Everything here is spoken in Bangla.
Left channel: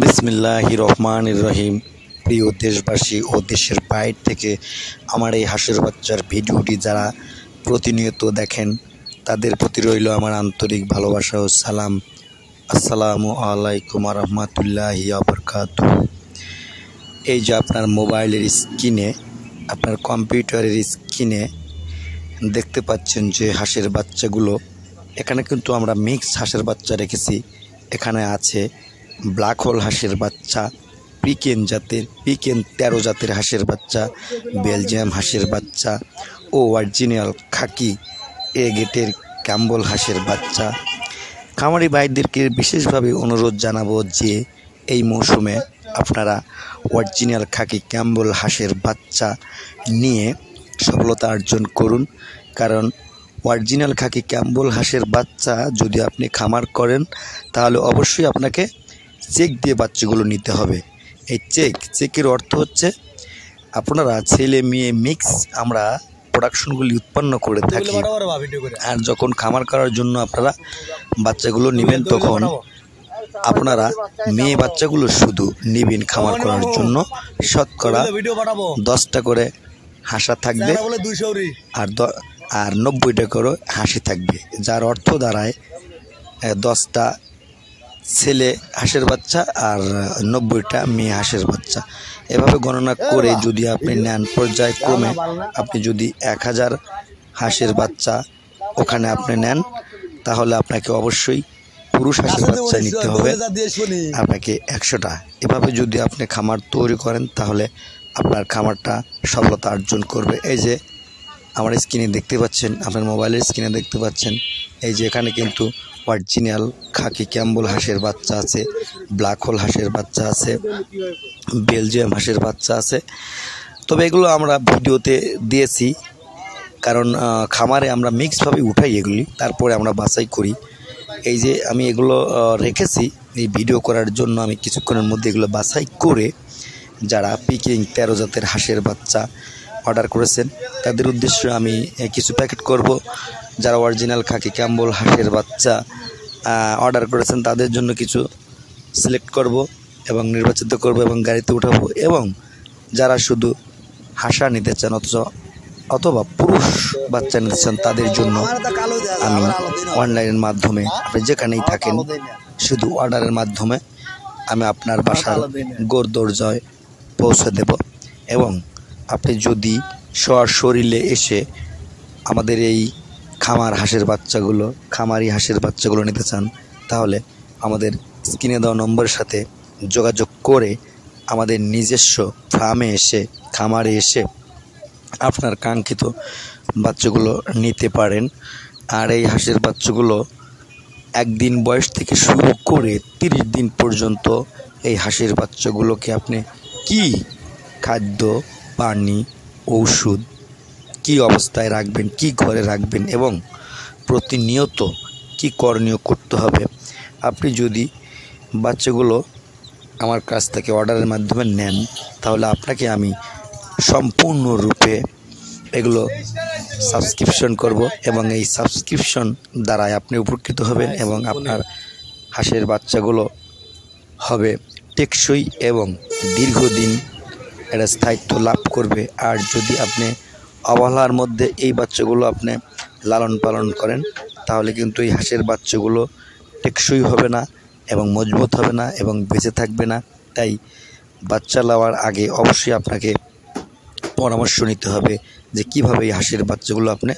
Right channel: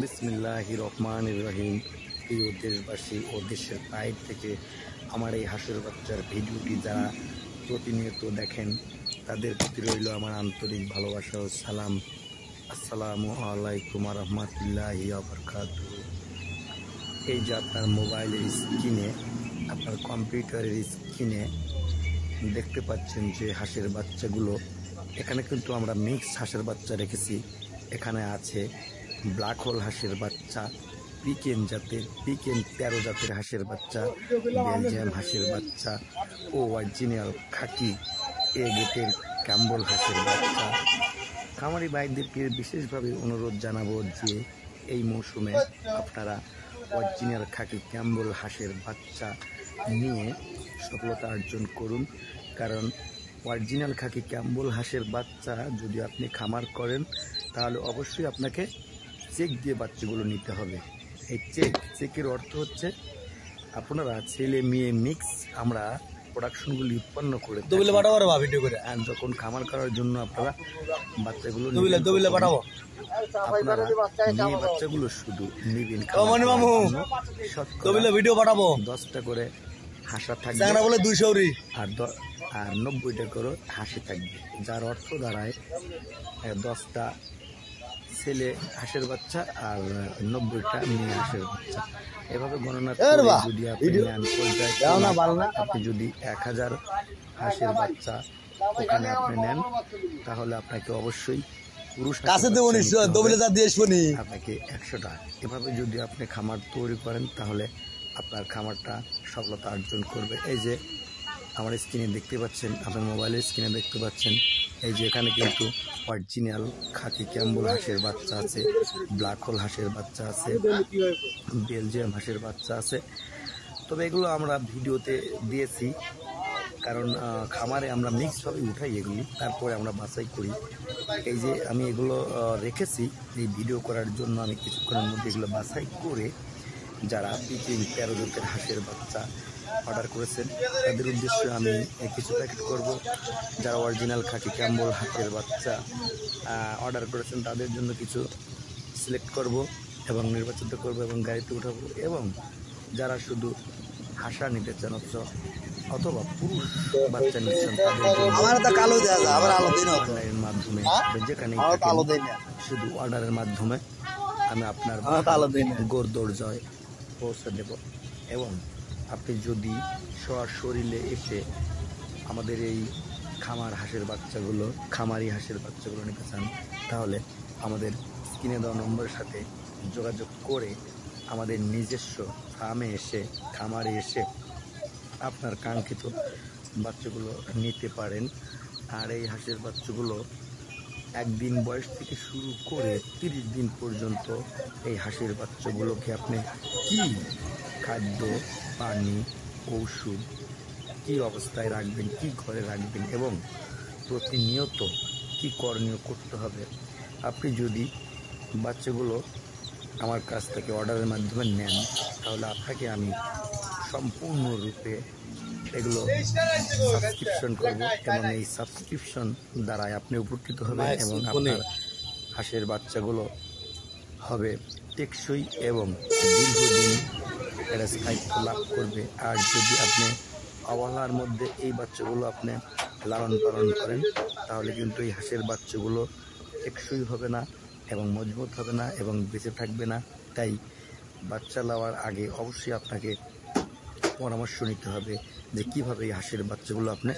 বিসমিল্লাহির রহমানির রহিম। প্রিয় দেশবাসী ও দেশের বাইরে থেকে আমার এই হাঁসের বাচ্চার ভিডিওটি যারা প্রতিনিয়ত দেখেন তাদের প্রতি রইল আমার আন্তরিক ভালোবাসা ও সালাম। আসসালামু আলাইকুম রহমতুল্লাহি বারাকাতুহু। এই যে আপনার মোবাইলের স্ক্রিনে, আপনার কম্পিউটারের স্ক্রিনে দেখতে পাচ্ছেন যে হাঁসের বাচ্চাগুলো, এখানে কিন্তু আমরা মিক্স হাঁসের বাচ্চা রেখেছি। এখানে আছে ব্ল্যাক হোল হাঁসের বাচ্চা, পিকেন 13 জাতের হাঁসের বাচ্চা, বেলজিয়াম হাঁসের বাচ্চা ও অরিজিনাল খাকি এ গেটের ক্যাম্বল হাঁসের বাচ্চা। খামারি ভাইদেরকে বিশেষভাবে অনুরোধ জানাবো যে এই মৌসুমে আপনারা অরিজিনাল খাকি ক্যাম্বল হাঁসের বাচ্চা নিয়ে সফলতা অর্জন করুন। কারণ অরিজিনাল খাকি ক্যাম্বল হাঁসের বাচ্চা যদি আপনি খামার করেন তাহলে অবশ্যই আপনাকে চেক দিয়ে বাচ্চাগুলো নিতে হবে। এই চেকের অর্থ হচ্ছে আপনারা ছেলে মেয়ে মিক্স আমরা প্রোডাকশনগুলি উৎপন্ন করে থাকি, আর যখন খামার করার জন্য আপনারা বাচ্চাগুলো নেবেন তখন আপনারা মেয়ে বাচ্চাগুলো শুধু নেবেন খামার করার জন্য। শতকরা 10টা করে হাঁসা থাকবে আর 90টা করে হাঁসি থাকবে, যার অর্থ দাঁড়ায় 10টা ছেলে হাঁসের বাচ্চা আর 90টা মেয়ে হাঁসের বাচ্চা। এভাবে গণনা করে যদি আপনি নেন পর্যায়ক্রমে, আপনি যদি 1000 হাঁসের বাচ্চা ওখানে আপনি নেন তাহলে আপনাকে অবশ্যই পুরুষ হাঁসের বাচ্চা নিতে হবে, আপনাকে 100টা। এভাবে যদি আপনি খামার তৈরি করেন তাহলে আপনার খামারটা সফলতা অর্জন করবে। এই যে আমার স্ক্রিনে দেখতে পাচ্ছেন, আপনার মোবাইলের স্ক্রিনে দেখতে পাচ্ছেন, এই যে এখানে কিন্তু অরিজিনাল খাকি ক্যাম্বল হাঁসের বাচ্চা আছে, ব্ল্যাক হোল হাঁসের বাচ্চা আছে, বেলজিয়াম হাঁসের বাচ্চা আছে। তবে এগুলো আমরা ভিডিওতে দিয়েছি কারণ খামারে আমরা মিক্সভাবে উঠাই এগুলি, তারপরে আমরা বাছাই করি। এই যে আমি এগুলো রেখেছি এই ভিডিও করার জন্য। আমি কিছুক্ষণের মধ্যে এগুলো বাছাই করে যারা পিকিং 13 জাতের হাঁসের বাচ্চা অর্ডার করেছেন তাদের উদ্দেশ্যে আমি কিছু প্যাকেট করব। যারা অরিজিনাল খাকি ক্যাম্বল হাঁসের বাচ্চা অর্ডার করেছেন তাদের জন্য কিছু সিলেক্ট করব এবং নির্বাচিত করব এবং গাড়িতে উঠাবো। এবং যারা শুধু হাঁসা নিতে চান অথবা পুরুষ বাচ্চা নিতে চান তাদের জন্য অনলাইনের মাধ্যমে আপনি যেখানেই থাকেন শুধু অর্ডারের মাধ্যমে আমি আপনার বাসায় গোরদরজায় পৌঁছে দেব। এবং আপনি যদি সশরীরে এসে আমাদের এই খামারি হাঁসের বাচ্চাগুলো নিতে চান তাহলে আমাদের স্ক্রিনে দেওয়া নম্বরের সাথে যোগাযোগ করে আমাদের নিজস্ব ফার্মে এসে খামারে এসে আপনার কাঙ্ক্ষিত বাচ্চাগুলো নিতে পারেন। আর এই হাঁসের বাচ্চাগুলো 1 দিন বয়স থেকে শুরু করে 30 দিন পর্যন্ত এই হাঁসের বাচ্চাগুলোকে আপনি কি খাদ্য, পানি, ঔষধ কি অবস্থায় রাখবেন, কি ঘরে রাখবেন এবং প্রতিনিয়ত কি করণীয় করতে হবে, আপনি যদি বাচ্চাগুলো আমার কাছ থেকে অর্ডারের মাধ্যমে নেন তাহলে আপনাকে আমি সম্পূর্ণরূপে এগুলো সাবস্ক্রিপশন করব এবং এই সাবস্ক্রিপশন দ্বারাই আপনি উপকৃত হবেন এবং আপনার হাঁসের বাচ্চাগুলো হবে টেকসই এবং দীর্ঘদিন এটা স্থায়িত্ব লাভ করবে। আর যদি আপনি অবহেলার মধ্যে এই বাচ্চাগুলো আপনি লালন পালন করেন তাহলে কিন্তু এই হাঁসের বাচ্চাগুলো টেকসই হবে না এবং মজবুত হবে না এবং বেঁচে থাকবে না। তাই বাচ্চা নেওয়ার আগে অবশ্যই আপনাকে পরামর্শ নিতে হবে যে কীভাবে এই হাঁসের বাচ্চাগুলো আপনি